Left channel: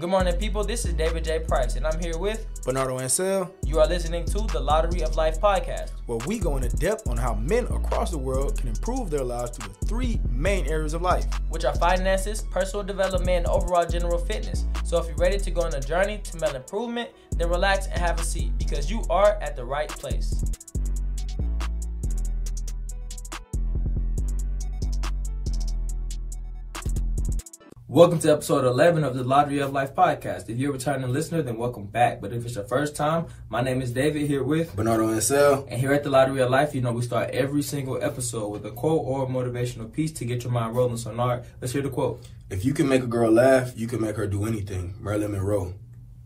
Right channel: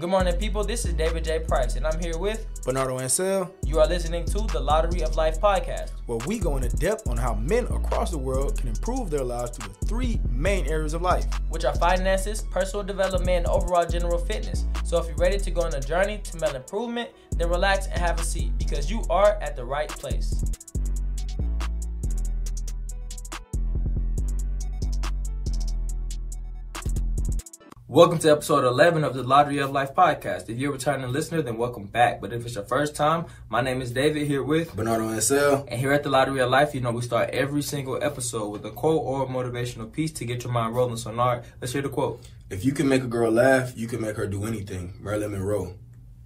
Good morning, people. This is David J. Price, and I'm here with Bernardo Ansel. You are listening to the Lottery of Life podcast, where we go into depth on how men across the world can improve their lives through the three main areas of life, which are finances, personal development, and overall general fitness. So if you're ready to go on a journey to mental improvement, then relax and have a seat, because you are at the right place. Welcome to episode 11 of the Lottery of Life podcast. If you're a returning listener, then welcome back. But if it's your first time, my name is David, here with Bernardo Ansel. And here at the Lottery of Life, we start every single episode with a quote or a motivational piece to get your mind rolling. So, Nard, let's hear the quote. If you can make a girl laugh, you can make her do anything. Marilyn Monroe.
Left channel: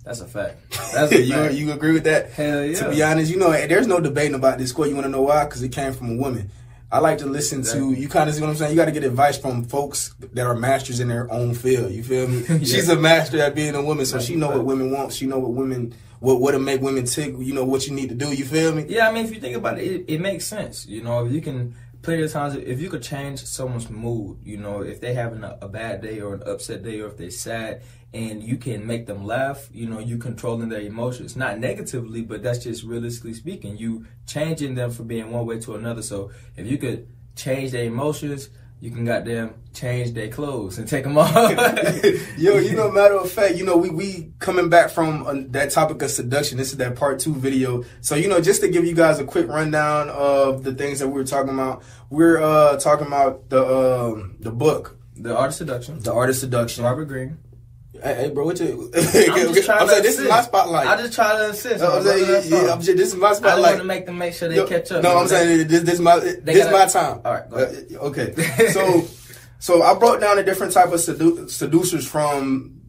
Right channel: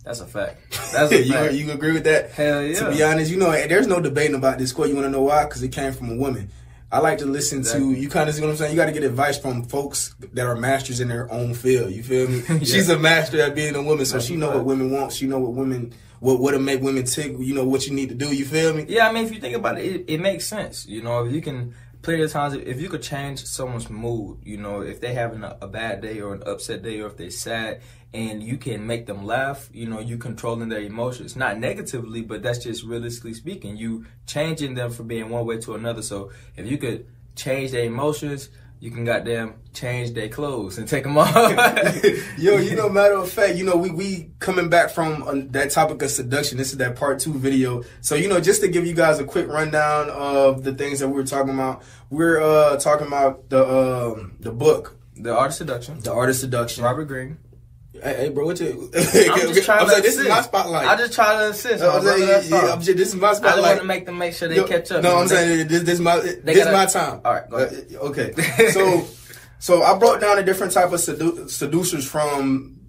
That's a fact. That's a fact. You agree with that? Hell yeah. To be honest, there's no debating about this quote. You want to know why? Because it came from a woman. I like to listen to, you kind of see what I'm saying? You got to get advice from folks that are masters in their own field. You feel me? Yeah. She's a master at being a woman, so she know what women want. She know what women, what to make women tick. You know what you need to do. You feel me? Yeah, I mean, if you think about it, it makes sense. If you can, plenty of times, if you could change someone's mood, if they're having a bad day or an upset day, or if they're sad, and you can make them laugh, you controlling their emotions. Not negatively, but that's just realistically speaking. You changing them from being one way to another. So if you could change their emotions, you can goddamn change their clothes and take them off. Matter of fact, we coming back from that topic of seduction. This is that part 2 video. So, just to give you guys a quick rundown of the things that we were talking about. We're talking about the book. The Art of Seduction. The Art of Seduction. Robert Greene. Hey, bro, what you? I'm just trying to assist. This is my spotlight. I just try to assist. This is my spotlight. I don't want to make them make sure they catch up. No, I'm saying this is my time. All right, go ahead. Okay. So I brought down a different type of seducers from.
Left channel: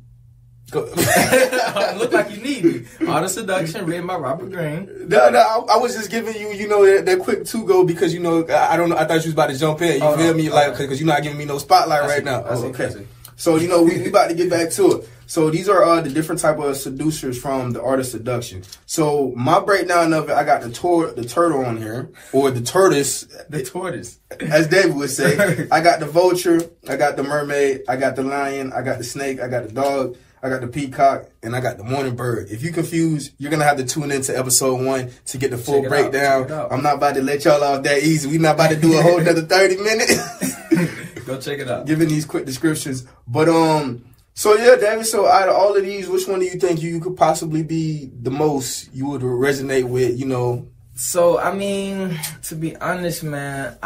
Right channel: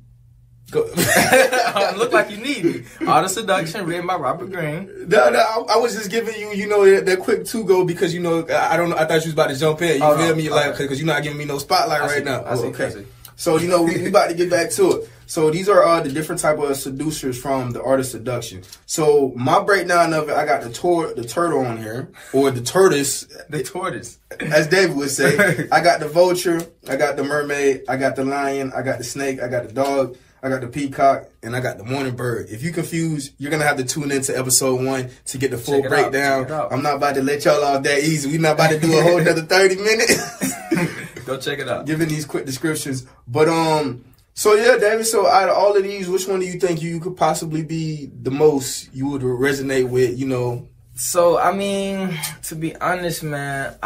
Look like you need me. Art of Seduction, written by Robert Greene. No, I was just giving you, that quick go because I thought you was about to jump in. You feel me? Like, because you're not giving me no spotlight right now. Okay. So, we about to get back to it. So these are the different type of seducers from the Art of Seduction. So my breakdown of it, I got the turtle on here, or the tortoise. The tortoise. As David would say. I got the vulture, I got the mermaid, I got the lion, I got the snake, I got the dog, I got the peacock, and I got the morning bird. If you confused, you're going to have to tune into episode 1 to get the full breakdown. I'm not about to let y'all off that easy. We're not about to do a whole another 30 minutes. Go check it out. Giving these quick descriptions. But, so yeah, David, so out of all of these, which one do you think you could possibly be the most you would resonate with, So, I mean, to be honest, man,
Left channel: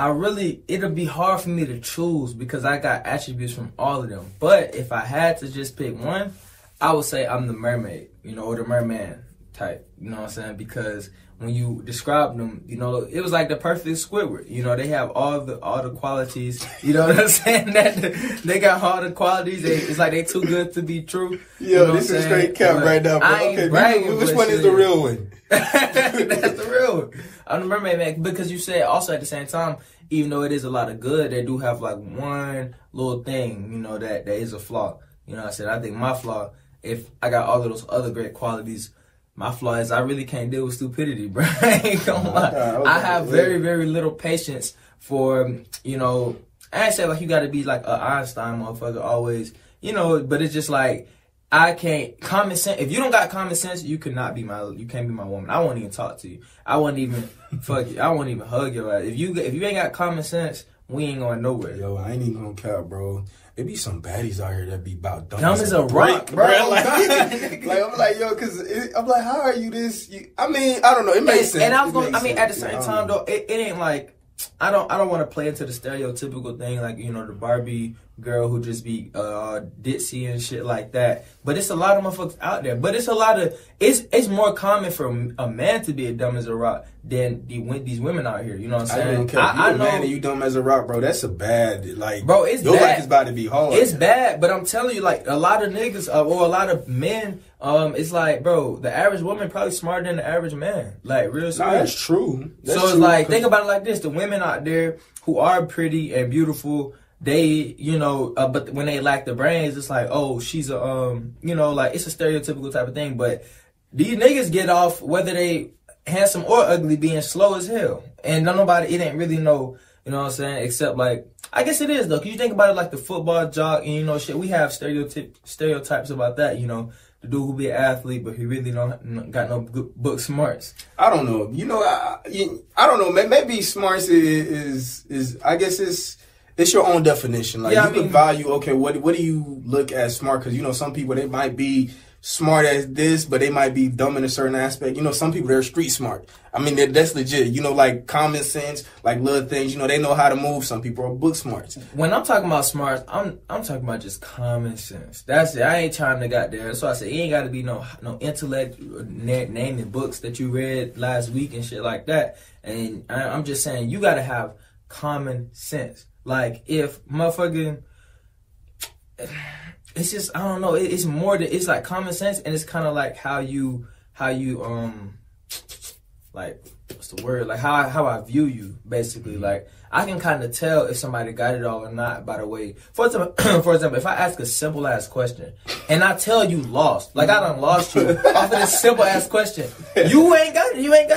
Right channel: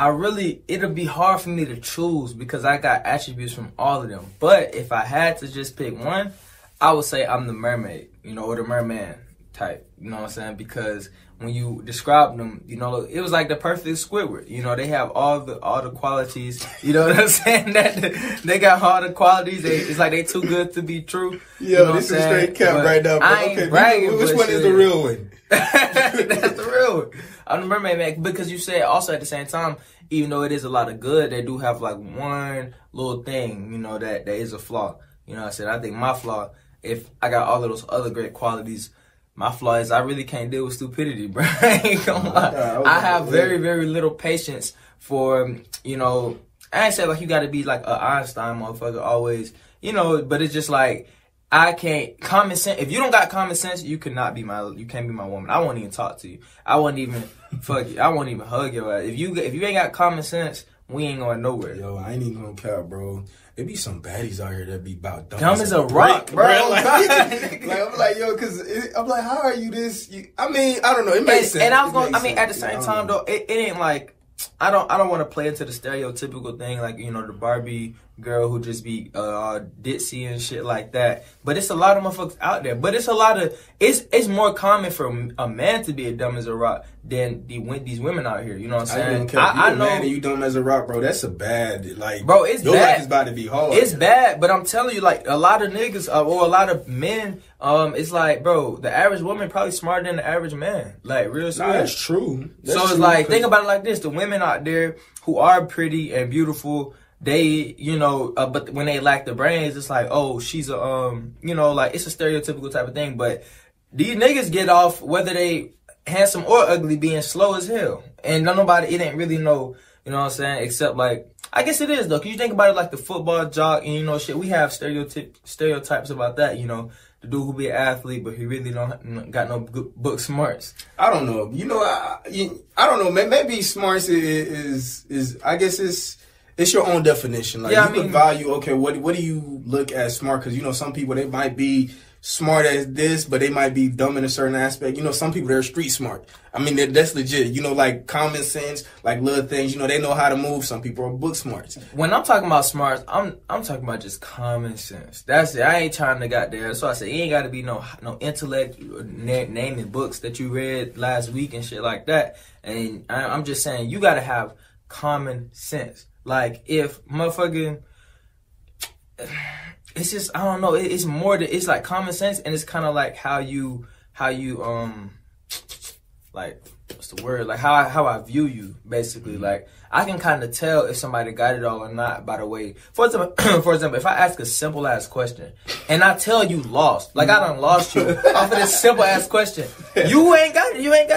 it'll be hard for me to choose because I got attributes from all of them. But if I had to just pick one, I would say I'm the mermaid, or the merman type, you know what I'm saying? Because when you describe them, it was like the perfect Squidward. They have all the qualities, you know what I'm saying? That they got all the qualities. It's like they too good to be true. Yeah, you know this is straight cap right now. I ain't bragging. Which one is the real one? That's the real one. I'm the mermaid, man, because you said also at the same time, even though it is a lot of good, they do have like one little thing, that is a flaw. I said, I think my flaw, if I got all of those other great qualities, my flaw is I really can't deal with stupidity, bro. I ain't gonna lie. I have very, very little patience for, I ain't say like you gotta be like an Einstein motherfucker always, but it's just like, I can't, common sense, if you don't got common sense, you can't be my woman. I won't even talk to you. I won't even, fuck you. I won't even hug your ass. If you ain't got common sense, we ain't going nowhere. Yo, I ain't even gonna care, bro. There be some baddies out here that be about dumb as a rock, bro. I'm like, yo, I'm like, how are you this? I don't know. It makes sense. And at the same time, though, it ain't like, I don't want to play into the stereotypical thing, like, the Barbie girl who just be ditzy and shit like that. But it's a lot of motherfuckers out there. But it's more common for a man to be as dumb as a rock than these women out here. You know what I'm saying? I know. Man, you dumb as a rock, bro. That's a bad, like, bro, it's your bad. life is about to be hard. It's bad, but I'm telling you, like, a lot of niggas or a lot of men, it's like, bro, the average woman probably smarter than the average man. Like, real serious. Nah, that's true. So it's like, think about it like this. The women out there who are pretty and beautiful, they, but when they lack the brains, it's like, oh, she's a, like, it's a stereotypical type of thing. But these niggas get off, whether they handsome or ugly, being slow as hell. And it ain't really no, you know what I'm saying, except like I guess it is though, cause you think about it like the football jock, and you know, shit. We have stereotypes about that. You know, the dude who be an athlete, but he really don't got no good book smarts. I don't know. You know, I don't know. Maybe smarts is I guess it's your own definition. Like you can value. Okay, what do you look at smart? Because you know, some people they might be smart at this, but they might be dumb in a certain aspect. You know, some people, they're street smart. I mean, that's legit. You know, like common sense, like little things, you know, they know how to move. Some people are book smarts. When I'm talking about smarts, I'm talking about just common sense. That's it. I ain't trying to got there. So I said, it ain't got to be no intellect, naming books that you read last week and shit like that. And I'm just saying, you got to have common sense. Like, if motherfucking... It's just, I don't know, it's more than, it's like common sense, and it's kind of like how you, like, what's the word? Like, how I view you, basically. Like, I can kind of tell if somebody got it all or not by the way. For example, if I ask a simple-ass question, and I tell you lost, like, I done lost you off of this simple-ass question, you ain't got it, you ain't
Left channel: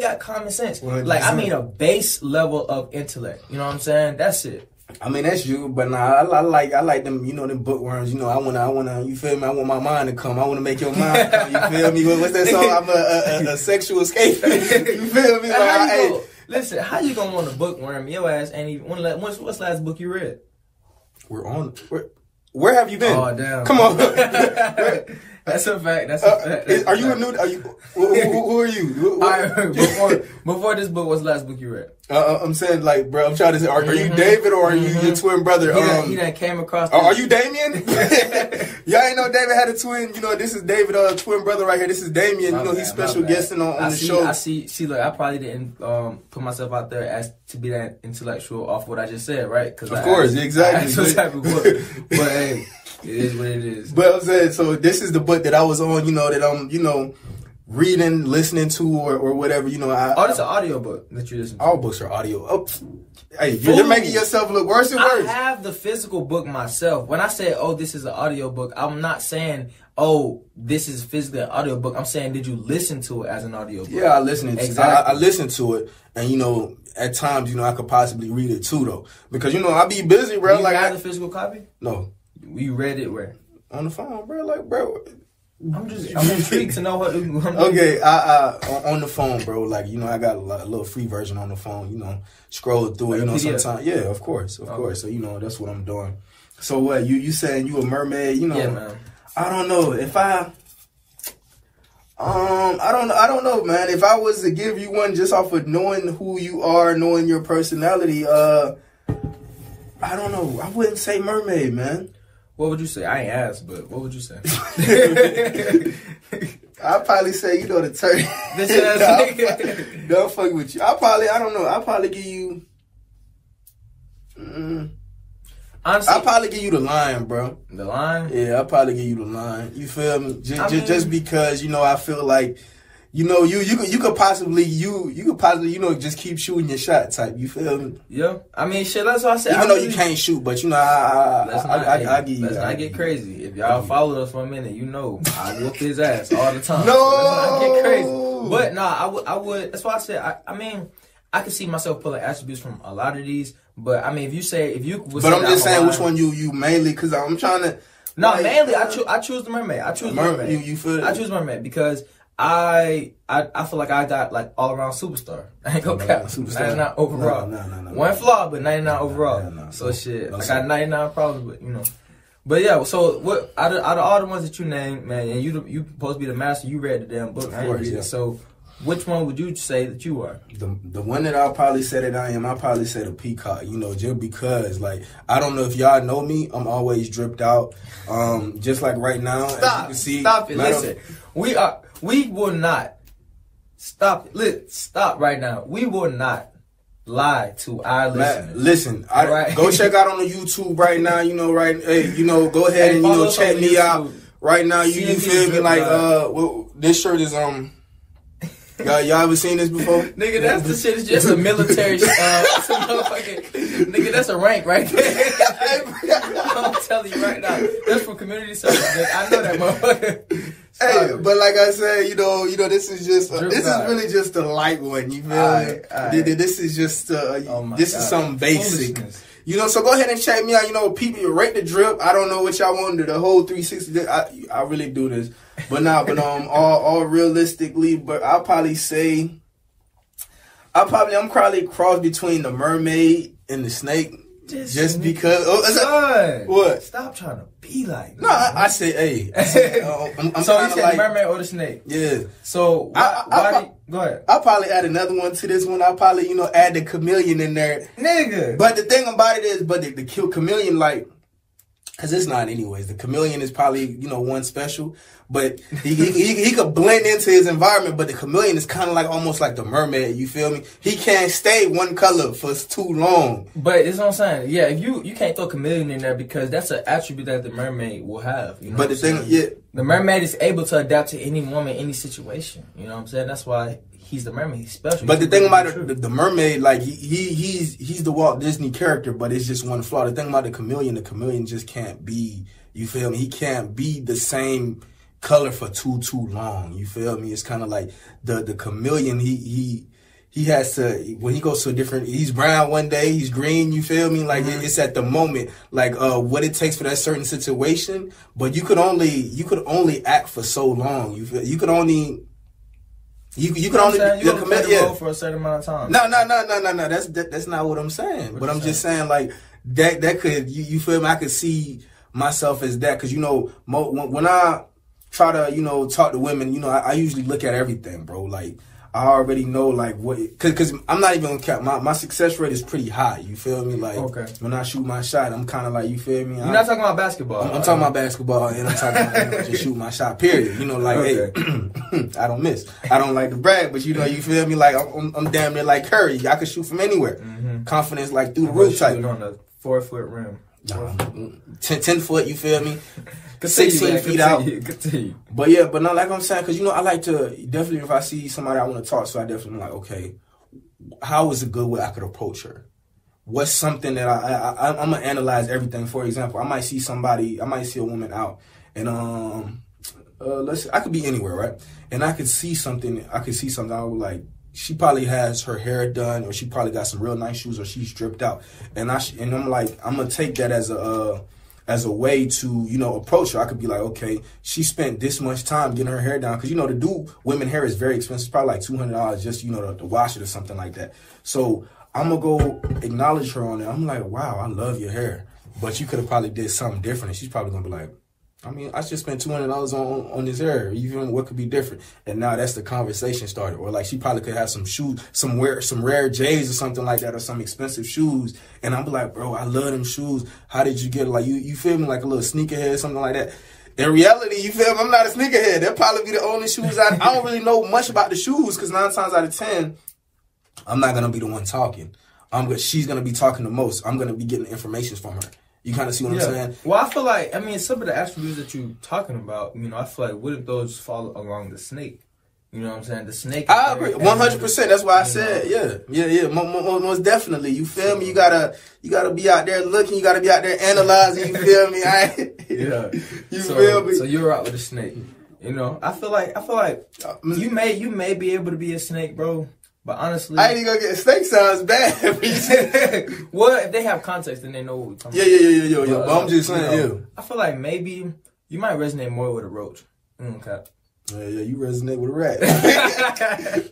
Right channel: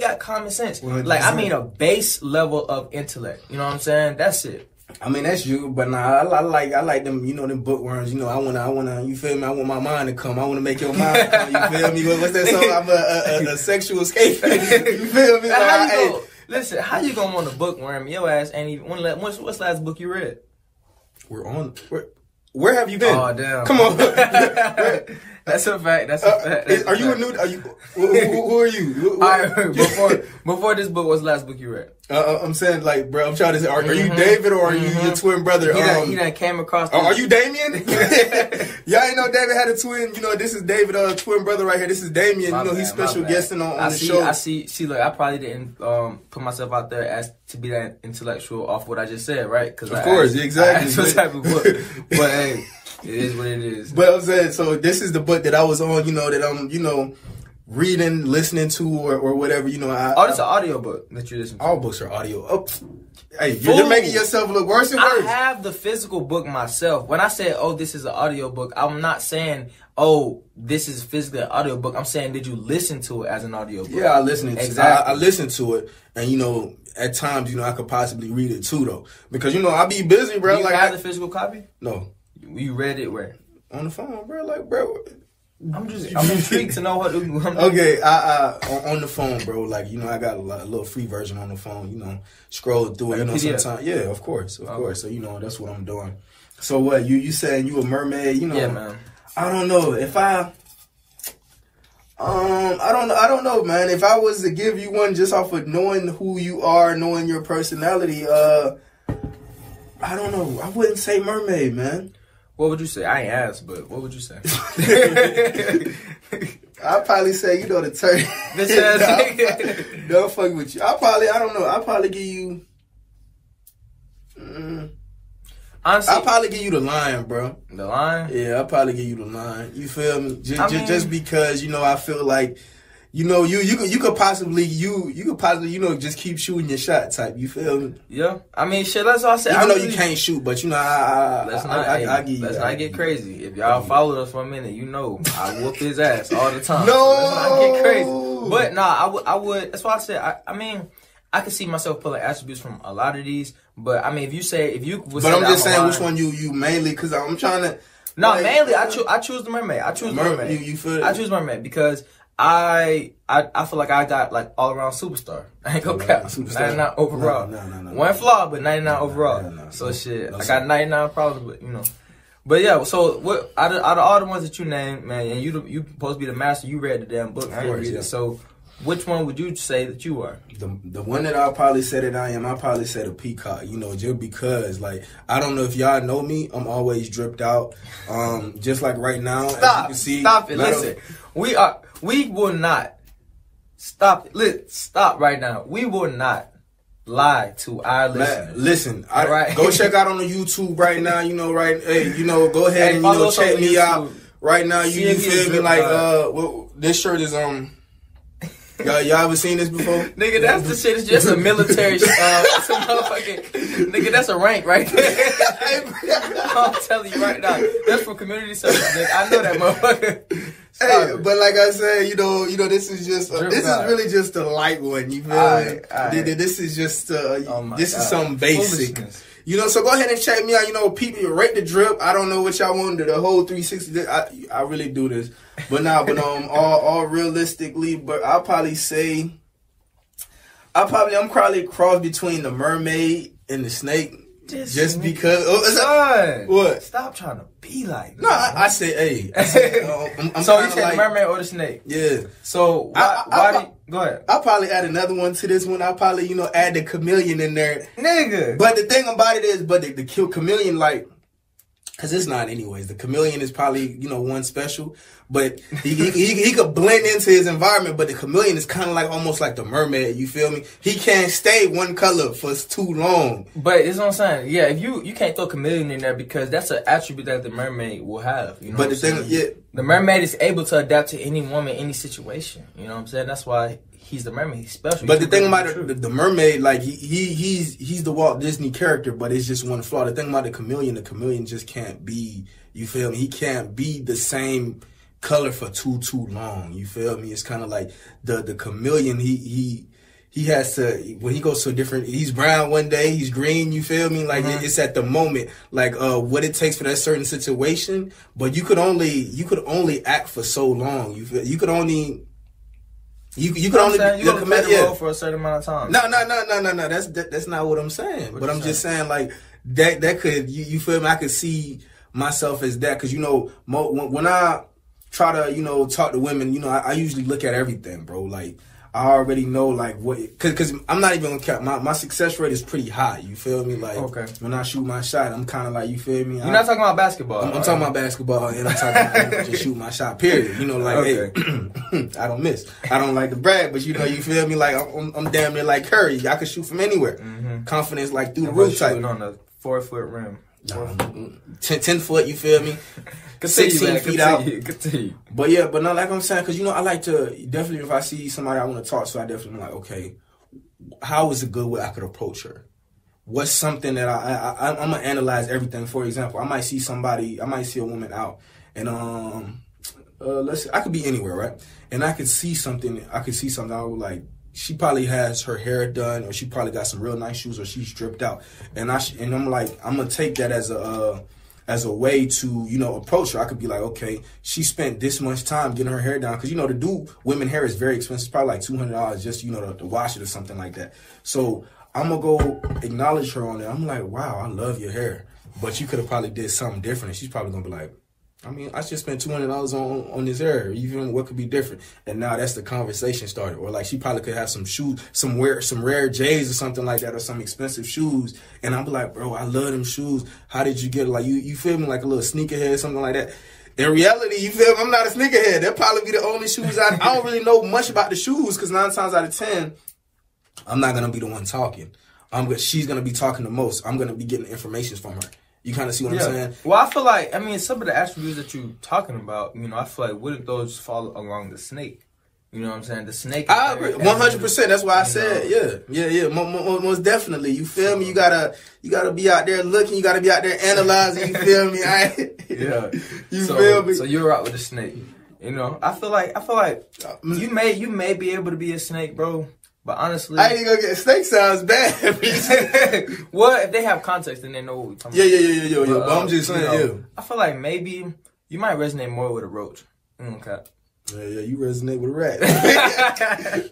got common sense. Like, I mean a base level of intellect, you know what I'm saying? That's it. I mean, that's you, but nah, I like them, you know, them bookworms. You know, I wanna, you feel me? I want my mind to come. I wanna make your mind come. You feel me? What's that song? I'm a sexual escape. You feel me? Listen, how you gonna want to bookworm your ass? And even what's the last book you read? Where have you been? Oh damn! Come on. That's a fact. That's a fact. Are you a new? Who are you? All right, before this book, what's the last book you read? I'm saying, like, bro, I'm trying to say, are you David or are you your twin brother? He done came across. Are you Damien? Y'all ain't know David had a twin. You know, this is David, twin brother right here. This is Damien. You know, he's special guesting on the show. I see. Look, I probably didn't put myself out there as to be that intellectual off what I just said, right? Because of course, exactly. Some type of book, but hey, it is what it is. But I'm saying, so this is the book that I was on. You know that I'm, you know, reading, listening to, or whatever, you know. It's an audio book that you listen to. All books are audio. Oh, hey, you're making yourself look worse and worse. I have the physical book myself. When I say, oh, this is an audio book, I'm not saying, oh, this is physically an audio book. I'm saying, did you listen to it as an audio book? Yeah, I listened. Exactly. I listened to it, and you know, at times, you know, I could possibly read it too, though, because you know, I be busy, bro. Do you have the physical copy? No. You read it where? On the phone, bro. Like, bro. I'm intrigued to know what. Okay, on the phone, bro. Like, you know, I got a little free version on the phone. You know, scroll through it. You know, sometimes. Yeah, of course. So you know, that's what I'm doing. So what? You saying you a mermaid? You know? Yeah, man. I don't know if I don't know, man. If I was to give you one just off of knowing who you are, knowing your personality, I don't know. I wouldn't say mermaid, man. What would you say? I ain't asked, but what would you say? I'd probably say, you know, the turtle. Don't fuck with you. I don't know. I'll probably give you... Honestly, I'll probably give you the lion, bro. The lion? Yeah, I'll probably give you the lion. You feel me? Just because, you know, I feel like, you know, you could possibly, you know, just keep shooting your shot type. You feel me? Yeah. I mean, shit, that's what I said. Even though you can't shoot, but you know, I give you. Let's not get crazy. If y'all follow us for a minute, you know, I whoop his ass all the time. No! So let's not get crazy. But nah, I would. That's why I said. I mean, I can see myself pulling attributes from a lot of these. But I mean, if you would say, but I'm just saying which one you mainly, because I'm trying to. No, like, mainly I choose the mermaid. I choose mermaid. You feel? I choose mermaid because I feel like I got like all around superstar. I ain't gonna cap. 99 overall. No. One flaw, but 99 overall. No. So shit, I got 99 problems, but you know. But yeah, so what out of all the ones that you named, man, and you supposed to be the master. You read the damn book. I didn't read it. So which one would you say that you are? The one that I'll probably say that I am, I'll probably say the peacock, you know, just because, like, I don't know if y'all know me, I'm always dripped out. Just like right now. Stop it. Listen, we will not, stop right now. We will not lie to our listeners. Listen, right? Go check out on the YouTube right now, you know, go ahead and check me out right now. You feel me? Like, well, this shirt is, y'all ever seen this before? Nigga, that's the shit. It's just a military. Nigga, that's a rank right there. I'm telling you right now. That's for community service. Nigga. I know that motherfucker. Hey, but like I said, you know, this is just this is really just a light one. You feel me? This is just this is something basic. You know, so go ahead and check me out. You know, people, rate the drip. I don't know what y'all want to do, the whole 360. I really do this. But all realistically, but I'll probably say, I'm probably a cross between the mermaid and the snake. Just because. Son, what? Stop trying to be like. No, I say, hey. So you said the mermaid or the snake? Yeah. So go ahead. I'll probably add another one to this one. I'll probably, add the chameleon in there. Nigga. But the thing about it is, the chameleon, like, because it's not anyways. The chameleon is probably, one special. But he could blend into his environment, but the chameleon is kind of like almost like the mermaid, you feel me? He can't stay one color for too long. But it's what I'm saying. Yeah, you can't throw chameleon in there because that's an attribute that the mermaid will have. You know but the thing, the mermaid is able to adapt to any woman, any situation. You know what I'm saying? That's why he's the mermaid. He's special. But the thing about the mermaid, like he's the Walt Disney character, but it's just one flaw. The thing about the chameleon just can't be. You feel me? He can't be the same color for too long. You feel me? It's kind of like the chameleon. He has to, when he goes to a different, he's brown one day, he's green. You feel me? Like it's at the moment, like what it takes for that certain situation. But you could only act for so long. You feel, you could only. You can only play the role for a certain amount of time. No. That's not what I'm saying. But I'm just saying, like, that could, you feel me? I could see myself as that, because when I try to talk to women, I usually look at everything, bro. Like, I already know, like, what, because I'm not even gonna count. My success rate is pretty high. You feel me? Like, when I shoot my shot, I'm kind of like, you feel me? You're not talking about basketball. I'm talking about basketball, and I'm talking about just shoot my shot. Period. Like, hey, I don't miss. I don't like to brag, but you feel me? Like, I'm damn near like Curry. I can shoot from anywhere. Confidence, like, through the roof type. On the 4-foot rim. 10 foot, you feel me? 16 feet out. Continue. But yeah, but not like I'm saying, because I like to, definitely if I see somebody I want to talk to, I definitely like, okay, how is a good way I could approach her? What's something that I'm going to analyze everything. For example, I might see a woman out, and I could be anywhere, right? And I could see something, I would like, she probably has her hair done, or she probably got some real nice shoes, or she's stripped out. And I'm like, I'm gonna take that as a way to approach her. I could be like, okay, she spent this much time getting her hair done, because to do women hair is very expensive. It's probably like $200 just to wash it or something like that. So I'm gonna go acknowledge her on it. I'm like, wow, I love your hair, but you could have probably did something different. And she's probably gonna be like, I mean, I just spent $200 on this hair. Even what could be different? And now that's the conversation started. Or like she probably could have some shoes, some rare J's or something like that, or some expensive shoes. And I'm like, bro, I love them shoes. How did you get it? Like you feel me? Like a little sneakerhead, something like that. In reality, you feel me? I'm not a sneakerhead. That'll probably be the only shoes I don't really know much about the shoes, because 9 times out of 10, I'm not gonna be the one talking. She's gonna be talking the most. I'm gonna be getting information from her. You kind of see what I'm saying? Well, I feel like, some of the attributes that you're talking about, I feel like, wouldn't those fall along the snake? You know what I'm saying? The snake. I agree, 100%. That's why I said, yeah. Most definitely. You feel me? You gotta be out there looking. You gotta be out there analyzing. You feel me? Feel me? So you're out with the snake. I feel like you may be able to be a snake, bro. But honestly, I ain't gonna get snake sounds bad. Well, if they have context, then they know what we're talking about. Yeah. But I'm just saying, I feel like maybe you might resonate more with a roach. Okay. Yeah, you resonate with a rat.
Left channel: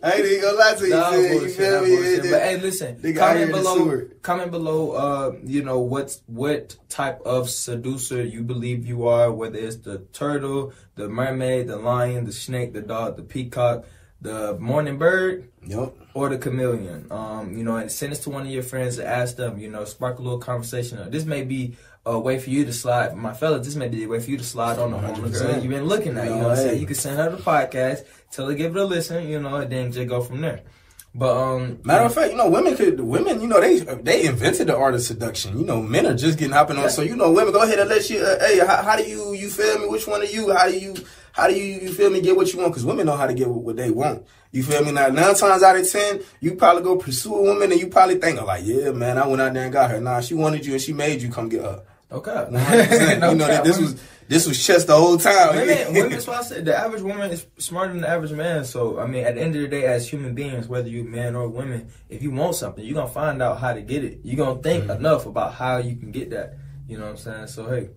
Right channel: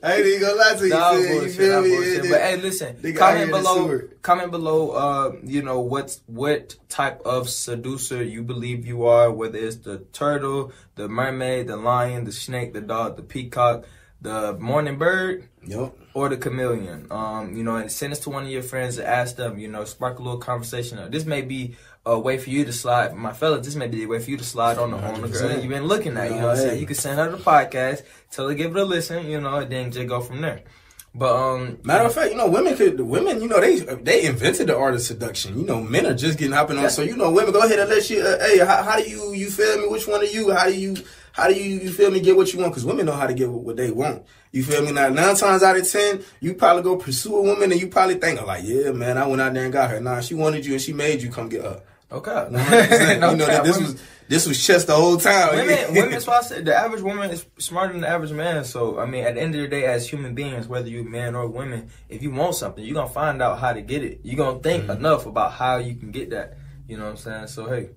I ain't even gonna lie to you. Nah, bullshit. But hey, listen, comment below, what type of seducer you believe you are, whether it's the turtle, the mermaid, the lion, the snake, the dog, the peacock, the morning bird, or the chameleon. And send this to one of your friends and ask them, spark a little conversation. This may be a way for you to slide, my fellas, this may be a way for you to slide on the girl that you've been looking at. You know what I'm saying? You can send her the podcast, tell her give it a listen, and then just go from there. But matter of fact, women, they invented the art of seduction. Men are just getting hopping on. So women, go ahead and let you. Hey, how do you feel me? Which one of you? How do you feel me? Get what you want? Because women know how to get what they want. You feel me? Now 9 times out of 10, you probably go pursue a woman and you probably think like, yeah, man, I went out there and got her. Nah, she wanted you and she made you come get her. Okay. this was chess the whole time. Women's why I said the average woman is smarter than the average man. So I mean, at the end of the day, as human beings, whether you're man or women, if you want something, you're gonna find out how to get it. You're gonna think enough about how you can get that. You know what I'm saying? So hey.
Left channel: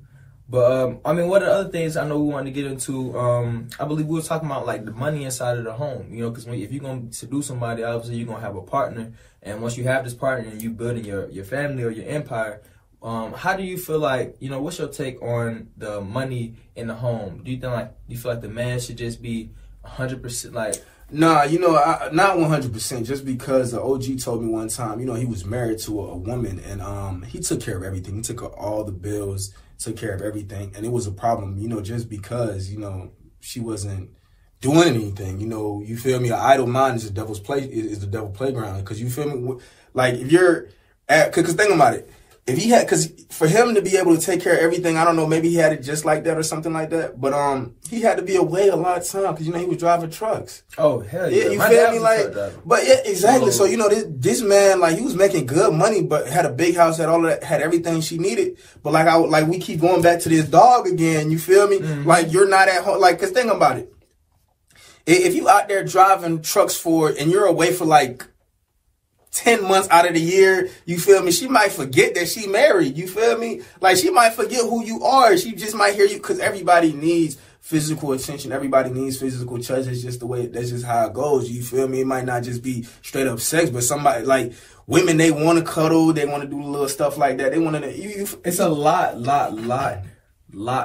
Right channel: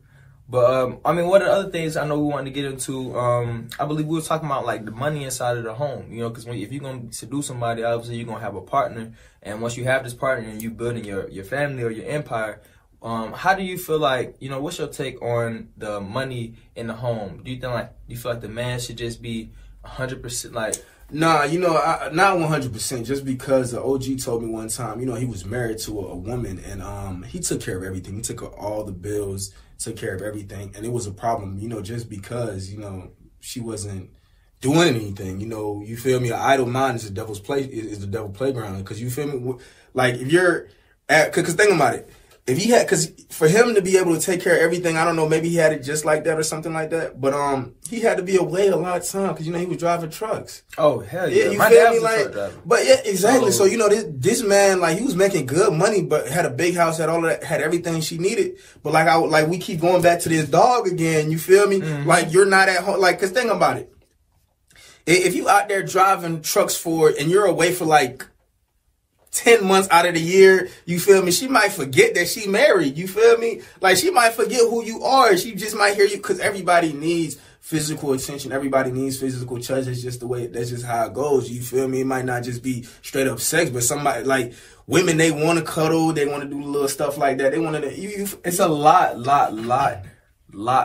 But, I mean, one of the other things I know we wanted to get into, I believe we were talking about, like, the money inside of the home, you know, because if you're going to seduce somebody, obviously you're going to have a partner, and once you have this partner and you building your family or your empire, how do you feel like, you know, what's your take on the money in the home? Do you feel like the man should just be 100% like... Nah, you know, not 100%, just because the OG told me one time, you know, he was married to a woman, and he took care of everything. He took all the bills, took care of everything, and it was a problem, you know, just because, you know, she wasn't doing anything, you know, you feel me? An idle mind is the devil's playground, because you feel me? Like, if you're because think about it, if he had, because for him to be able to take care of everything, I don't know, maybe he had it just like that or something like that, but he had to be away a lot of time, because, you know, he was driving trucks. Oh, hell yeah. My dad was a truck driver. But yeah, exactly. So, you know, this man, like, he was making good money, but had a big house, had all of that, had everything she needed. But like we keep going back to this dog again, you feel me? Like, you're not at home, like, because think about it. If you out there driving trucks for, and you're away for like 10 months out of the year, you feel me? She might forget that she married, you feel me? Like, she might forget who you are. She just might hear you, because everybody needs physical attention. Everybody needs physical touch. It's just the way, that's just how it goes, you feel me? It might not just be straight up sex, but somebody, like, women, they want to cuddle, they want to do little stuff like that. They want to, it's a lot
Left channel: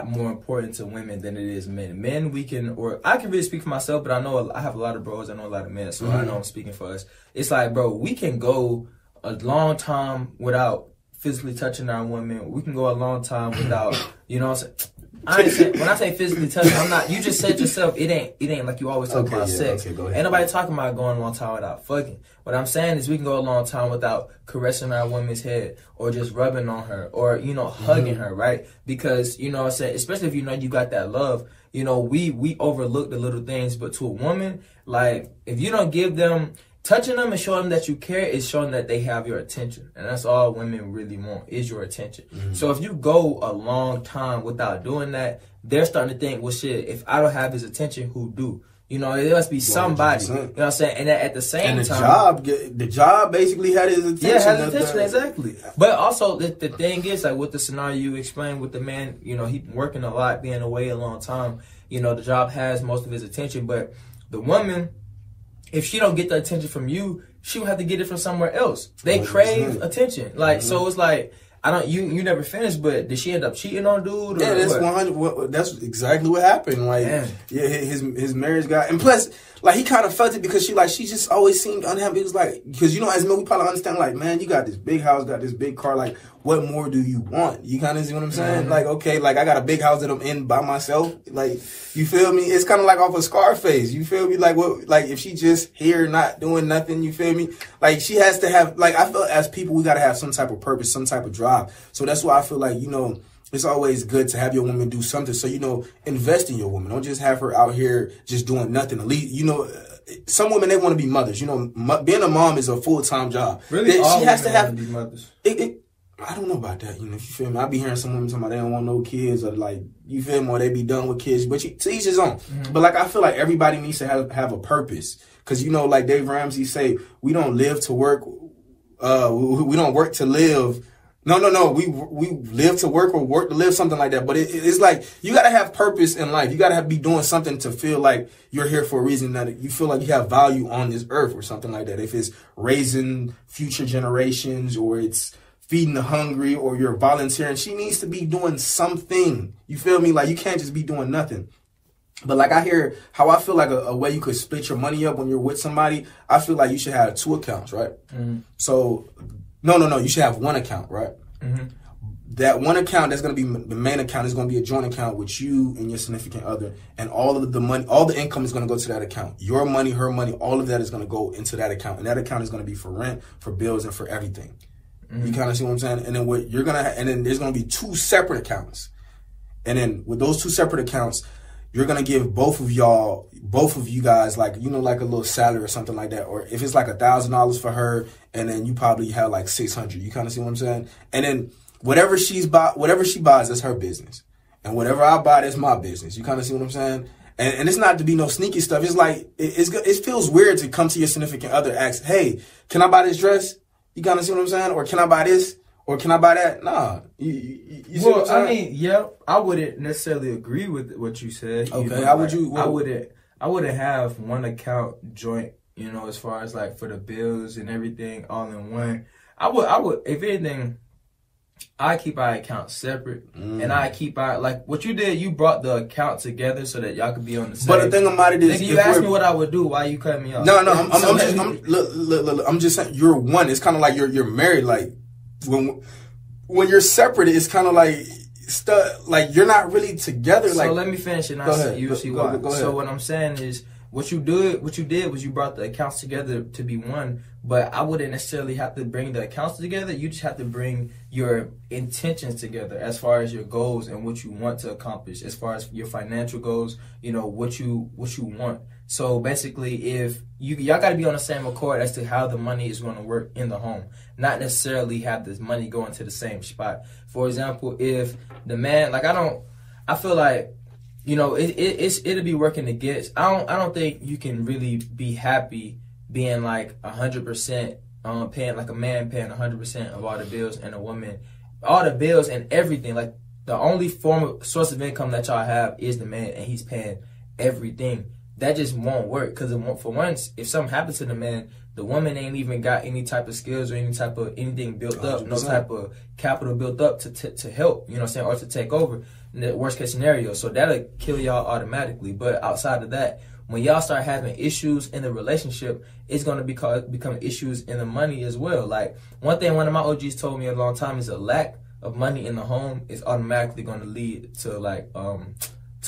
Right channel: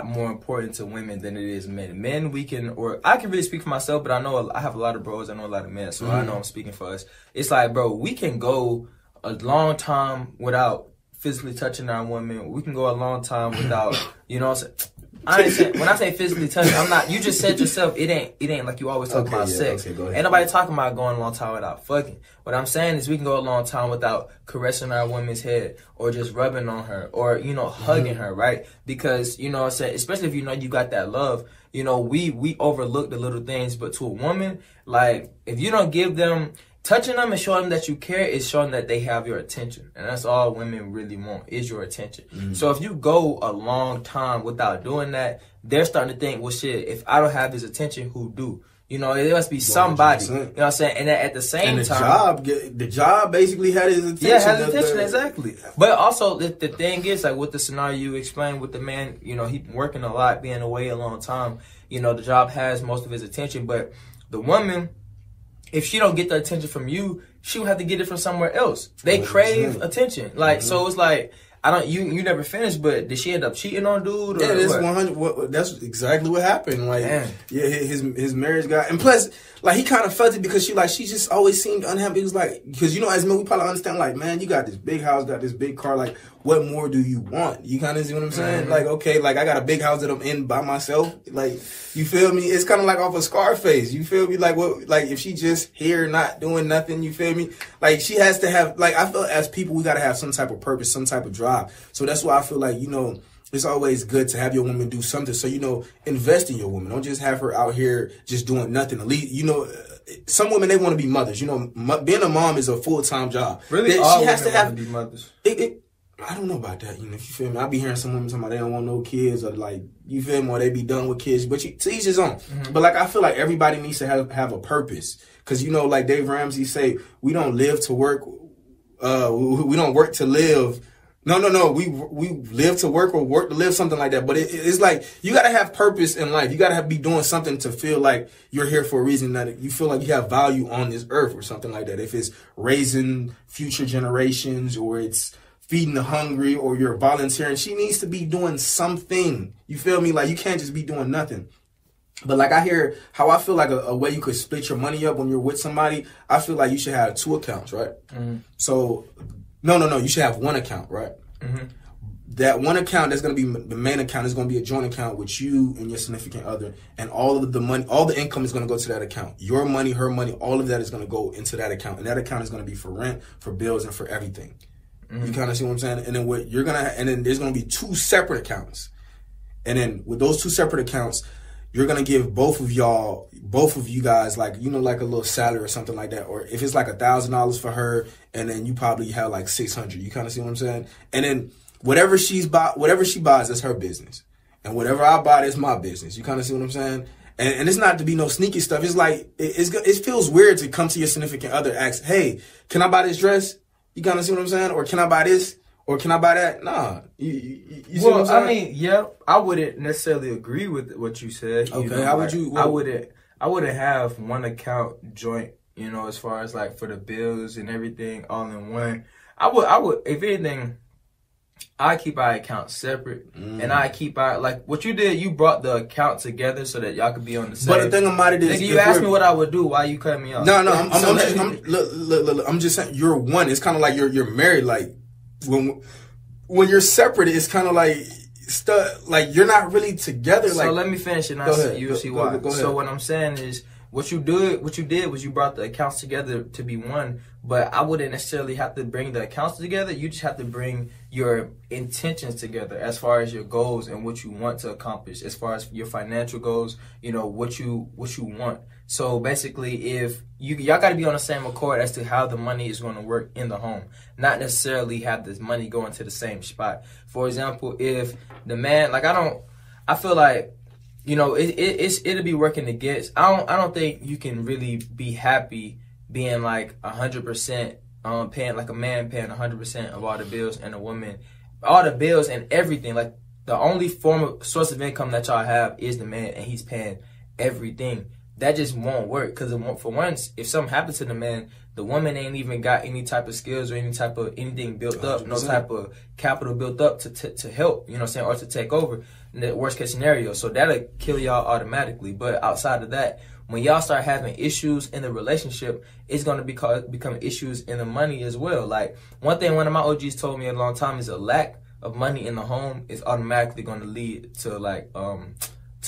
more important to women than it is men. Men, we can, or I can really speak for myself, but I know I have a lot of bros, I know a lot of men, so I know I'm speaking for us. It's like, bro, we can go a long time without physically touching our women. We can go a long time without, you know what I'm saying? When I say physically touching, I'm not, you just said yourself, it ain't like you always talk about sex. Ain't nobody talking about going a long time without fucking. What I'm saying is we can go a long time without caressing our woman's head or just rubbing on her or, you know, hugging her, right? Because, you know what I'm saying, especially if you know you got that love, you know, we overlook the little things, but to a woman, like, if you don't give them, touching them and showing them that you care is showing that they have your attention. And that's all women really want, is your attention. So if you go a long time without doing that, they're starting to think, well, shit, if I don't have his attention, who do? You know, there must be somebody. 100%. You know what I'm saying? And at the same time, the job basically had his attention. Yeah, had his attention, exactly. But also, the thing is, like, with the scenario you explained with the man, you know, he working a lot, being away a long time, you know, the job has most of his attention. But the woman, if she don't get the attention from you, she will have to get it from somewhere else. They crave attention. Like, so it's like, you never finished, but did she end up cheating on dude? Or yeah, that's 100. That's exactly what happened. Like, yeah, his marriage got, and plus, like, he kind of felt it because she just always seemed unhappy. It was like, because, you know, as men, we probably understand, like, man, you got this big house, got this big car, like, what more do you want? You kind of see what I'm saying? Like, okay, like, I got a big house that I'm in by myself. Like, you feel me? It's kind of like off of Scarface. You feel me? Like, what? Like, if she just here not doing nothing, you feel me? Like, she has to have, like, I feel as people, we got to have some type of purpose, some type of drive. So that's why I feel like, you know, it's always good to have your woman do something. So, you know, invest in your woman. Don't just have her out here just doing nothing. At least, you know, some women, they want to be mothers. You know, being a mom is a full-time job. Really? All women want to be mothers. I don't know about that, you know, you feel me? I be hearing some women talking about they don't want no kids or, like, you feel me, or they be done with kids, but to each his own. But, like, I feel like everybody needs to have a purpose. Because, you know, like Dave Ramsey say, we don't live to work, we don't work to live. No, we live to work or work to live, something like that. But it's like, you got to have purpose in life. You got to be doing something to feel like you're here for a reason, that you feel like you have value on this earth or something like that. If it's raising future generations or it's feeding the hungry or you're volunteering, she needs to be doing something. You feel me? Like, you can't just be doing nothing. But, like, I hear how I feel like a way you could split your money up when you're with somebody, I feel like you should have 2 accounts, right? So, no, you should have 1 account, right? That 1 account, that's going to be the main account, is going to be a joint account with you and your significant other, and all of the money, all the income is going to go to that account. Your money, her money, all of that is going to go into that account, and that account is going to be for rent, for bills, and for everything. You kind of see what I'm saying? And then and then there's going to be 2 separate accounts. And then with those 2 separate accounts, you're going to give both of you guys, like, you know, like a little salary or something like that. Or if it's like $1,000 for her, and then you probably have like $600. You kind of see what I'm saying? And then whatever she buys, that's her business. and whatever I buy is my business. You kind of see what I'm saying? And it's not to be no sneaky stuff. It's like, it feels weird to come to your significant other, ask, hey, can I buy this dress? You kind of see what I'm saying? Or can I buy this? Or can I buy that? Nah. You well, I mean, yeah, I wouldn't necessarily agree with what you said. Okay, you know, how would you? I wouldn't have one account joint, you know, as far as like for the bills and everything all in one. I would, if anything, I keep our accounts separate, and I keep our, like, what you did, you brought the account together so that y'all could be on the same. But the thing about it is, you asked me what I would do. Why you cut me off? No, I'm just saying, you're one. It's kind of like you're married. Like when you're separate, it's kind of like like you're not really together. So like, let me finish and you'll see why. So what I'm saying is, what you did was you brought the accounts together to be one, but I wouldn't necessarily have to bring the accounts together. You just have to bring your intentions together as far as your goals and what you want to accomplish, as far as your financial goals, you know, what you want. So basically, if y'all got to be on the same accord as to how the money is going to work in the home, not necessarily have this money go into the same spot. For example, if the man, like, I feel like, you know, it'll be working against. I don't think you can really be happy being like 100% paying, like a man paying 100% of all the bills and a woman all the bills and everything. Like, the only source of income that y'all have is the man, and he's paying everything. That just won't work, because for once, if something happens to the man, the woman ain't even got any type of skills or any type of anything built up, 100%. No type of capital built up to help, you know what I'm saying, or to take over in the worst case scenario. So that'll kill y'all automatically. But outside of that, when y'all start having issues in the relationship, it's going to become issues in the money as well. Like, one thing one of my OGs told me a long time is a lack of money in the home is automatically going to lead to, like,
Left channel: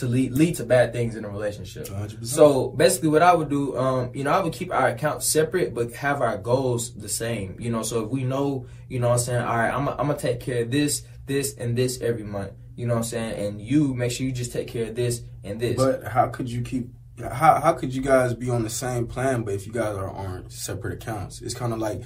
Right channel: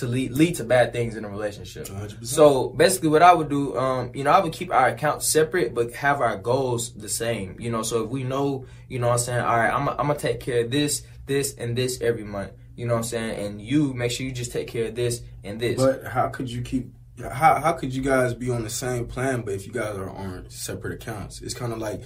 lead to bad things in a relationship. 100%. So basically what I would do, you know, I would keep our accounts separate, but have our goals the same, you know. So if we know, you know what I'm saying, all right, I'm going to take care of this, and this every month, you know what I'm saying, and you make sure you just take care of this and this. But how could you how could you guys be on the same plan, but if you guys are on separate accounts? It's kind of like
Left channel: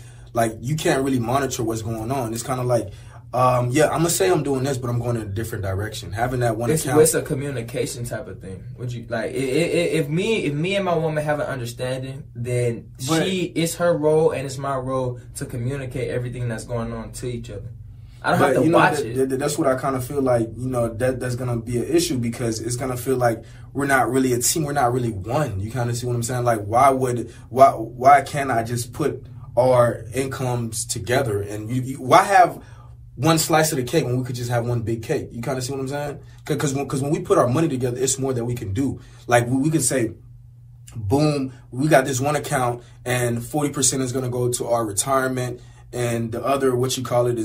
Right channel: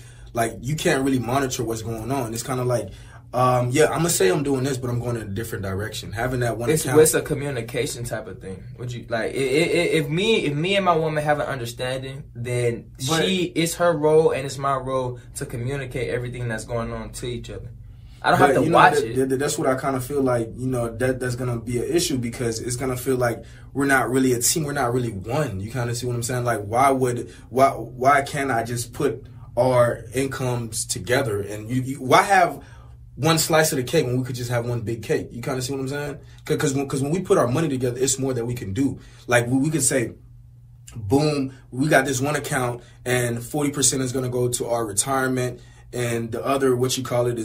you can't really monitor what's going on. It's kind of like, yeah, I'm gonna say I'm doing this, but I'm going in a different direction. Having that one account, it's a communication type of thing. Would you like if me and my woman have an understanding, then it's her role and it's my role to communicate everything that's going on to each other. I don't have to watch it. That's what I kind of feel like, you know, that's going to be an issue, because it's going to feel like we're not really a team. We're not really one. You kind of see what I'm saying? Like, why can't I just put our incomes together? And why have one slice of the cake when we could just have one big cake? You kind of see what I'm saying? Because when we put our money together, it's more that we can do. Like, we could say, boom, we got this one account and 40% is going to go to our retirement, and the other, is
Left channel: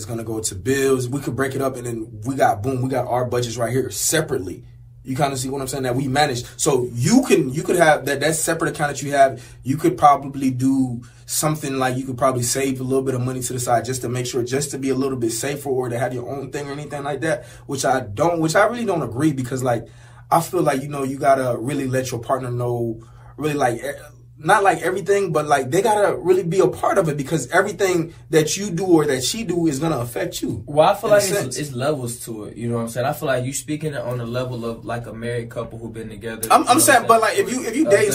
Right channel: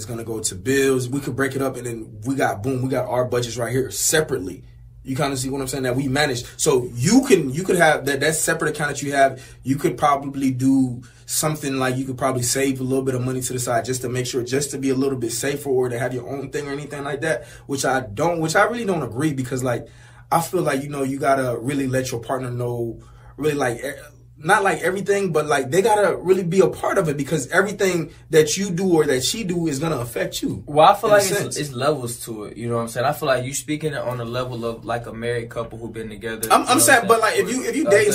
going to go to bills. We could break it up, and then we got our budgets right here separately. You kind of see what I'm saying? That we manage. So you could have that separate account that you have. You could probably do something like, you could probably save a little bit of money to the side just to make sure, just to be a little bit safer, or to have your own thing or anything like that. Which I really don't agree, because, like, I feel like, you know, you gotta really let your partner know, really, like, not like everything, but like they gotta really be a part of it, because everything that you do or that she do is gonna affect you. Well, I feel like it's levels to it. You know what I'm saying? I feel like you speaking on the level of like a married couple who've been together. I'm saying, but like if you dating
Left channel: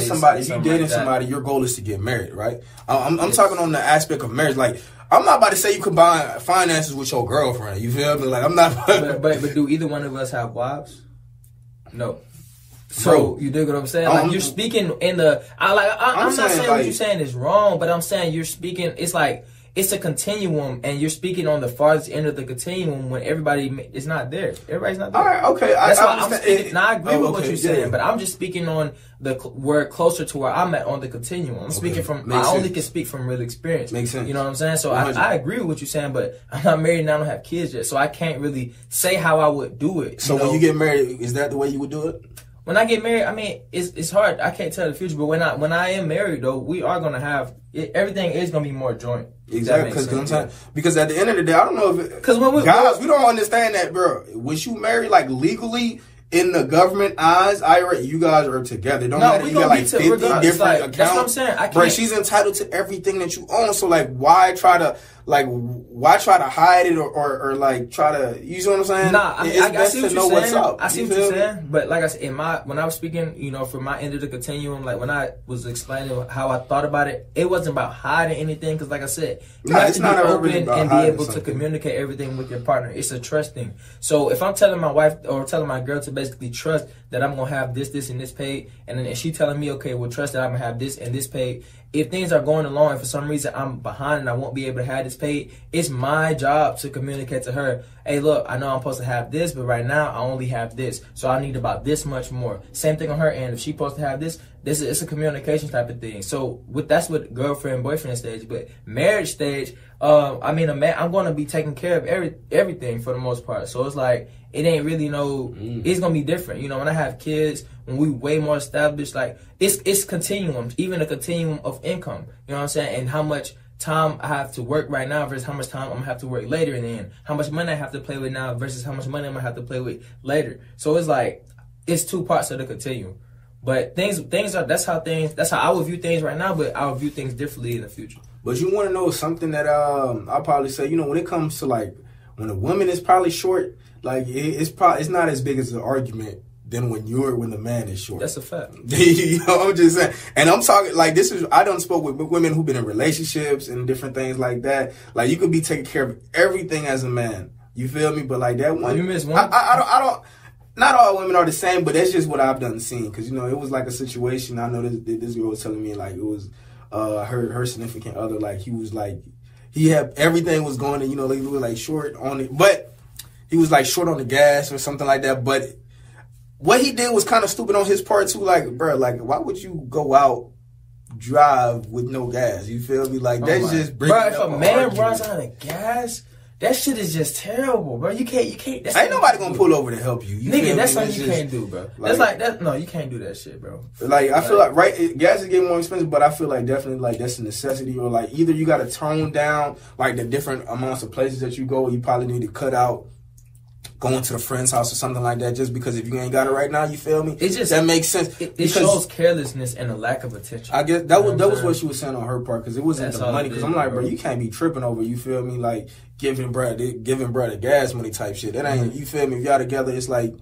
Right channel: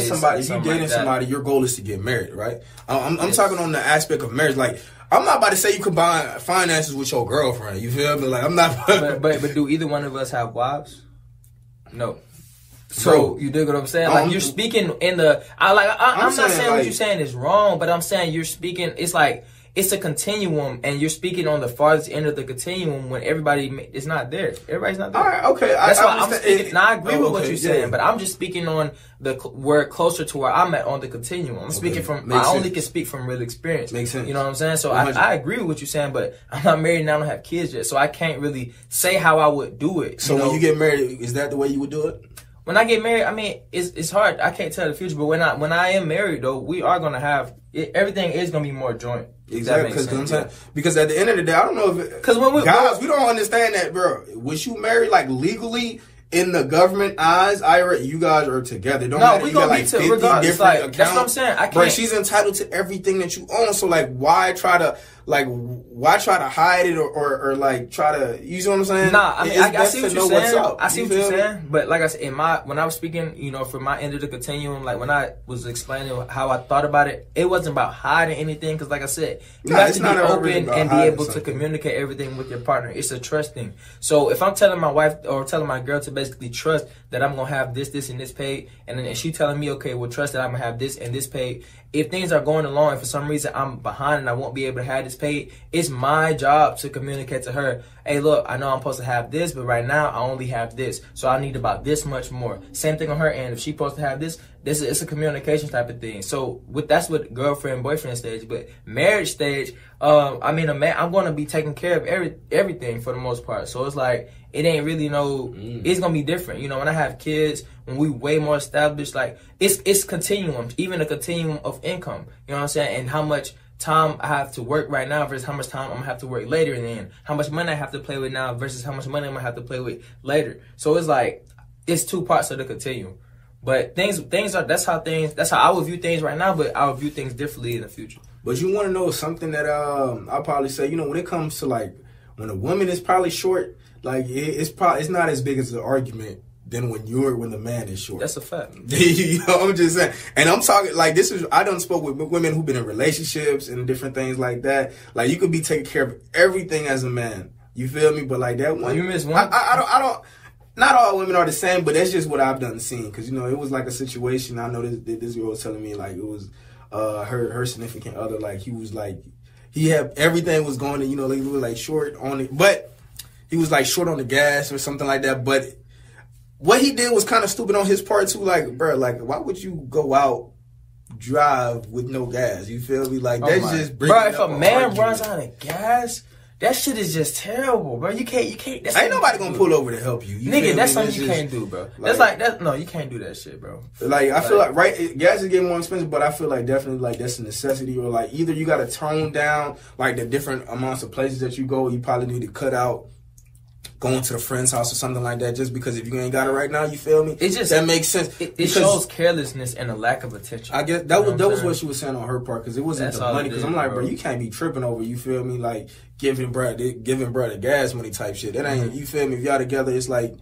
somebody, your goal is to get married, right? I'm talking on the aspect of marriage. Like, I'm not about to say you combine finances with your girlfriend. You feel me? Like, I'm not. But do either one of us have wives? No. So you dig what I'm saying? Like, you're speaking in the, I'm not saying what you're saying is wrong, but I'm saying you're speaking, it's like, it's a continuum, and you're speaking on the farthest end of the continuum when everybody is not there. Everybody's not there. All right, okay. That's why I'm speaking. Now, I agree with what you're saying, but I'm just speaking on where closer to where I'm at on the continuum. I'm speaking from, I only can speak from real experience. Makes sense. You know what I'm saying? So I agree with what you're saying, but I'm not married and I don't have kids yet, so I can't really say how I would do it. So when you get married, is that the way you would do it? When I get married, I mean, it's hard. I can't tell the future, but when I am married, though, we are gonna have everything is gonna be more joint. Exactly, because at the end of the day, I don't know if because we don't understand that, bro. Was you married like legally in the government eyes? You guys are together. We gonna be regardless. Like, that's what I'm saying. I can't. But she's entitled to everything that you own. So like, why try to like, why try to hide it or like try to, you know what I'm saying? Nah, I mean, I see what you're saying. I see what you're me? saying. But like I said, when I was speaking, you know, from my end of the continuum, like when I was explaining how I thought about it, it wasn't about hiding anything. Because like I said, you have to be open and be able to communicate everything with your partner. It's a trust thing. So if I'm telling my wife or telling my girl to basically trust that I'm going to have this, and this paid, and then she telling me, okay, well, trust that I'm going to have this and this paid. If things are going along and for some reason I'm behind and I won't be able to have this paid, it's my job to communicate to her, hey, look, I know I'm supposed to have this, but right now I only have this. So I need about this much more. Same thing on her end. If she's supposed to have this, it's a communication type of thing. So that's what girlfriend, boyfriend stage. But marriage stage, I mean, I'm going to be taking care of everything for the most part. So it's like, it ain't really it's going to be different. You know, when I have kids, when we way more established, like, it's continuum, even a continuum of income. You know what I'm saying? And how much time I have to work right now versus how much time I'm going to have to work later, and then how much money I have to play with now versus how much money I'm going to have to play with later. So it's like, it's two parts of the continuum. But that's how I would view things right now, but I would view things differently in the future. But you want to know something that I'll probably say, you know, when it comes to like, when a woman is probably short, like it's not as big as an argument than when the man is short. That's a fact. You know, I'm just saying. And I'm talking like I done spoke with women who've been in relationships and different things like that. Like, you could be taking care of everything as a man. You feel me? But like that one, you miss one. I don't. Not all women are the same, but that's just what I've done seen. Because, you know, it was like a situation. I know this girl was telling me, like, it was her significant other. Like, he was like, he had everything was going, and, you know, they were like short on it, but he was like short on the gas or something like that. But what he did was kind of stupid on his part too. Like, bro, like, why would you go out drive with no gas? You feel me? Like, that's just bro. If a man runs out of gas, that shit is just terrible, bro. You can't. Ain't nobody gonna pull over to help you. Nigga, that's something you can't do, bro. No, you can't do that shit, bro. Like, I feel like, gas is getting more expensive, but I feel like definitely, like, that's a necessity, or like, either you gotta tone down, like, the different amounts of places that you go. You probably need to cut out going to the friend's house or something like that, just because if you ain't got it right now, you feel me? It's just, that makes sense. It shows carelessness and a lack of attention. I guess that was what she was saying on her part, because it wasn't the money. Because I'm like, bro, you can't be tripping over, you feel me? Like, giving bruh the gas money type shit. That ain't, you feel me? If y'all together, it's like,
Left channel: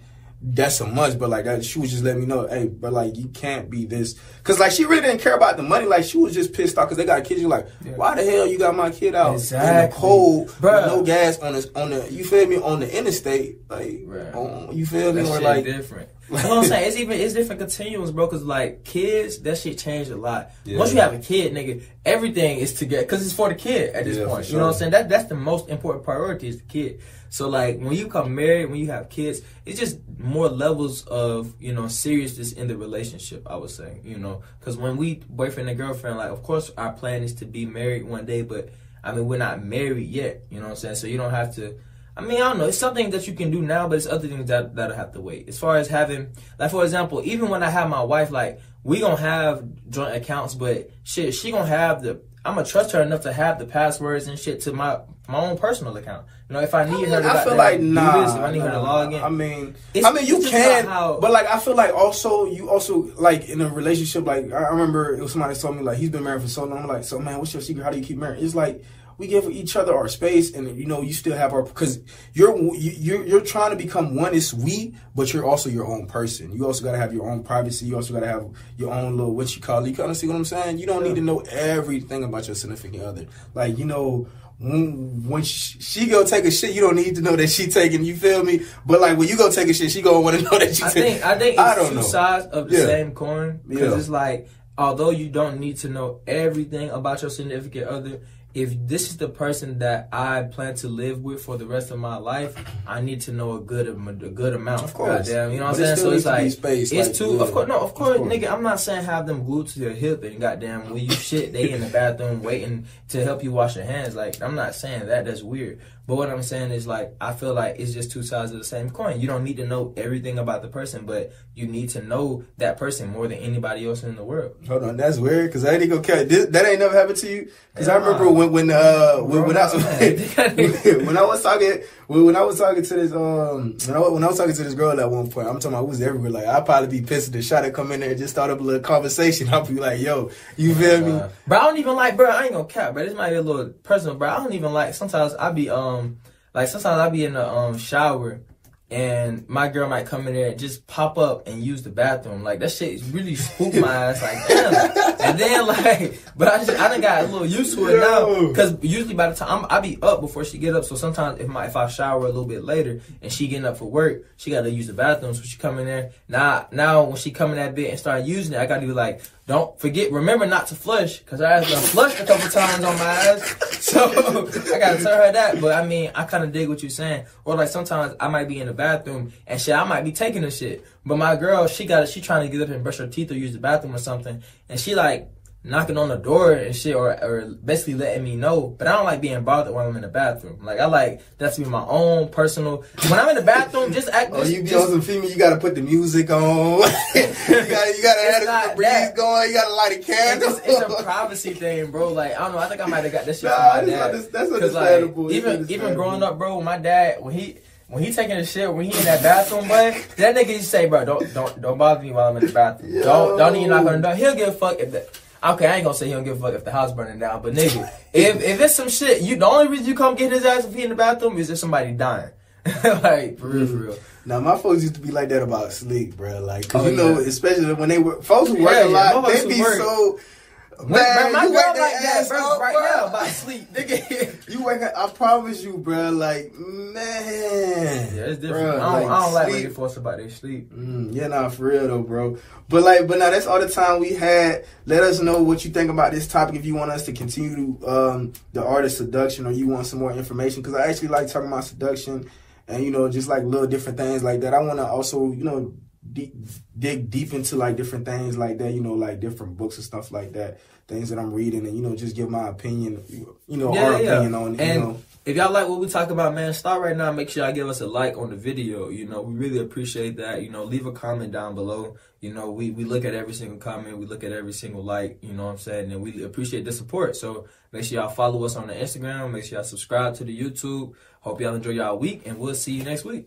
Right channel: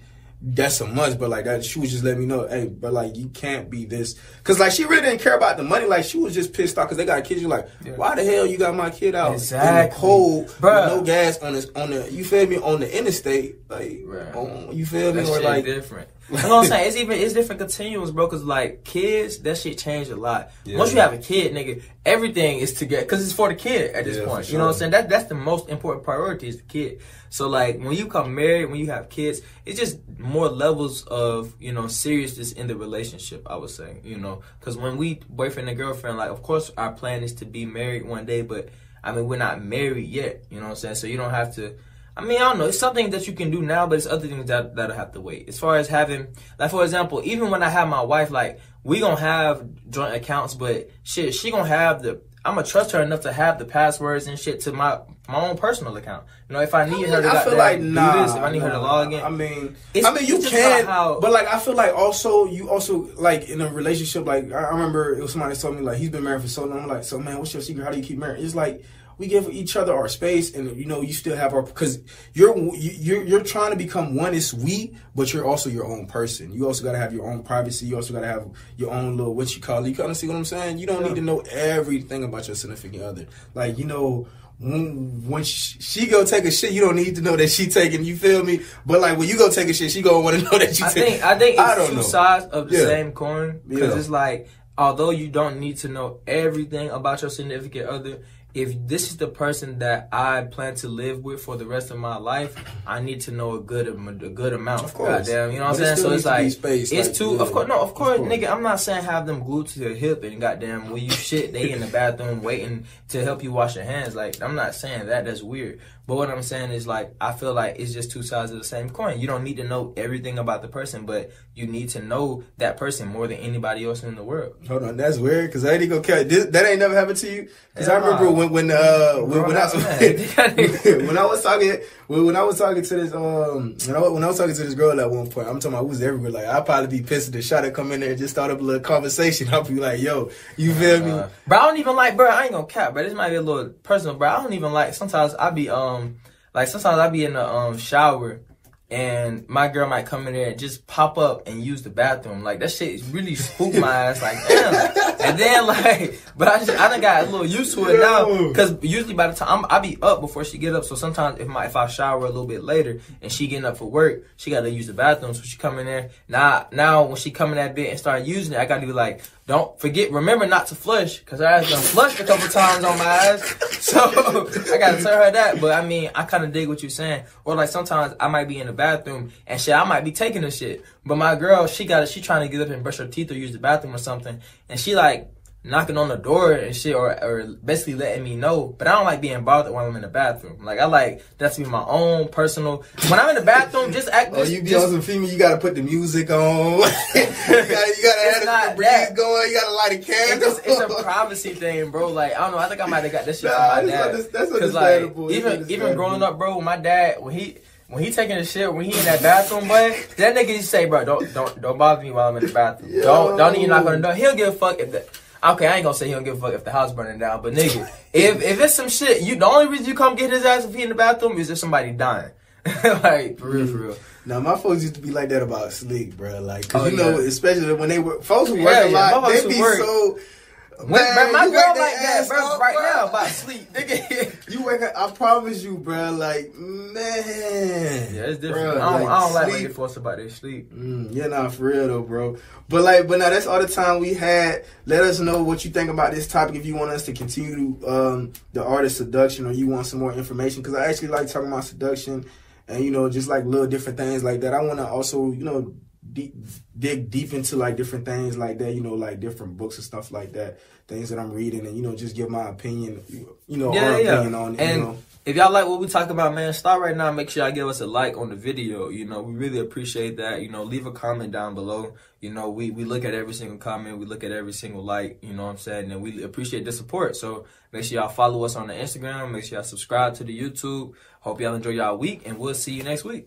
that's a must. But like, that, she was just letting me know, hey, but like, you can't be this. Because like, she really didn't care about the money. Like, she was just pissed off because they got kids. You're like, why the hell you got my kid out in the cold, bro, no gas on the you feel me, on the interstate? Like, you feel me? That shit like different. You know what I'm saying? It's different continuums, bro. Because like, kids, that shit changed a lot. Yeah. Once you have a kid, nigga, everything is together because it's for the kid at this point. Sure. You know what I'm saying? That's the most important priority, is the kid. So like, when you come married, when you have kids, it's just more levels of, you know, seriousness in the relationship, I would say, you know, because when we boyfriend and girlfriend, like, of course our plan is to be married one day, but I mean, we're not married yet, you know what I'm saying? So you don't have to, I mean, I don't know, it's something that you can do now, but it's other things that'll have to wait. As far as having, like, for example, even when I have my wife, like, we gonna have joint accounts, but shit, she gonna have I'm gonna trust her enough to have the passwords and shit to my own personal account. You know, if I need her to do this, if I need her to log in. I mean, you can, but like, I feel like you also like in a relationship. Like, I remember it was somebody told me, like, he's been married for so long. I'm like, so man, what's your secret? How do you keep married? It's like, we give each other our space, and you know, you still have our, because you're trying to become one is we, but you're also your own person. You also gotta have your own privacy. You also gotta have your own little, what you call it. You kind of see what I'm saying? You don't need to know everything about your significant other. Like, you know, when she go take a shit, you don't need to know that she taking, you feel me? But like, when you go take a shit, she gonna want to know that you taking. I think it's two sides of the same coin, because it's like, although you don't need to know everything about your significant other, if this is the person that I plan to live with for the rest of my life, I need to know a good amount. Of course. Goddamn, you know what I'm saying? So it's like, it's too, of course, nigga, I'm not saying have them glued to your hip and goddamn, when you shit, they in the bathroom waiting to help you wash your hands. Like, I'm not saying that. That's weird. But what I'm saying is, like, I feel like it's just two sides of the same coin. You don't need to know everything about the person, but you need to know that person more than anybody else in the world. Hold on, that's weird, because I ain't gonna care. That ain't never happened to you? Because I remember when I was Well, when I was talking to this, when I was talking to this girl at one point, I'm talking about who's everywhere. Like, I'd probably be pissed at the shot to come in there and just start up a little conversation. I'll be like, yo, you feel me? Bro, I don't even like, bro, I ain't gonna cap, bro. This might be a little personal, bro. I don't even like, sometimes I be, sometimes I be in the, shower. And my girl might come in there and just pop up and use the bathroom. Like, that shit really spooked my ass. Like, damn. And then, like, but I done got a little used to it now. Because usually by the time, I be up before she get up. So sometimes if I shower a little bit later and she getting up for work, she got to use the bathroom. So she come in there. Now when she come in that bit and start using it, I got to be like, don't forget, remember not to flush. Because I done flushed a couple times on my ass. So I got to tell her that. But I mean, I kind of dig what you're saying. Or like sometimes I might be in the bathroom and shit, I might be taking a shit. But my girl, she trying to get up and brush her teeth or use the bathroom or something. And she like knocking on the door and shit or basically letting me know. But I don't like being bothered when I'm in the bathroom. Like, I like that to be my own personal. When I'm in the bathroom, just act. You girls and female, you gotta put the music on. you gotta have the breeze going. You gotta light a candle. It's a privacy thing, bro. Like, I don't know. I think I might have got this shit from my dad. Because like, even growing up, bro, with my dad, when he taking a shit, when he in that bathroom, boy, that nigga used to say, bro, don't bother me while I'm in the bathroom. Yeah, don't even knock on the door. He'll give a fuck if that. Okay, I ain't gonna say he don't give a fuck if the house burning down, but nigga, if it's some shit, the only reason you come get his ass if he in the bathroom is if somebody dying. Like, for real. Now, my folks used to be like that about sleep, bro. Like, cause you know, especially when they were, folks who work a lot, they be so... My girl like that, bro, right now about sleep. Nigga. You wake up, I promise you, bro, like, man. Yeah, it's different. Bro, I don't like waiting for us about their sleep. Yeah, nah, for real though, bro. But now that's all the time we had. Let us know what you think about this topic. If you want us to continue the art of seduction, or you want some more information, because I actually like talking about seduction and, you know, just like little different things like that. I want to also, you know, dig deep into like different things like that, you know, like different books and stuff like that, things that I'm reading, and, you know, just give my opinion, you know, opinion on it. And you know, if y'all like what we talk about, man, start right now. Make sure y'all give us a like on the video. You know, we really appreciate that. You know, leave a comment down below. You know, we look at every single comment. We look at every single like, you know what I'm saying? And we appreciate the support. So make sure y'all follow us on the Instagram. Make sure y'all subscribe to the YouTube. Hope y'all enjoy y'all week, and we'll see you next week.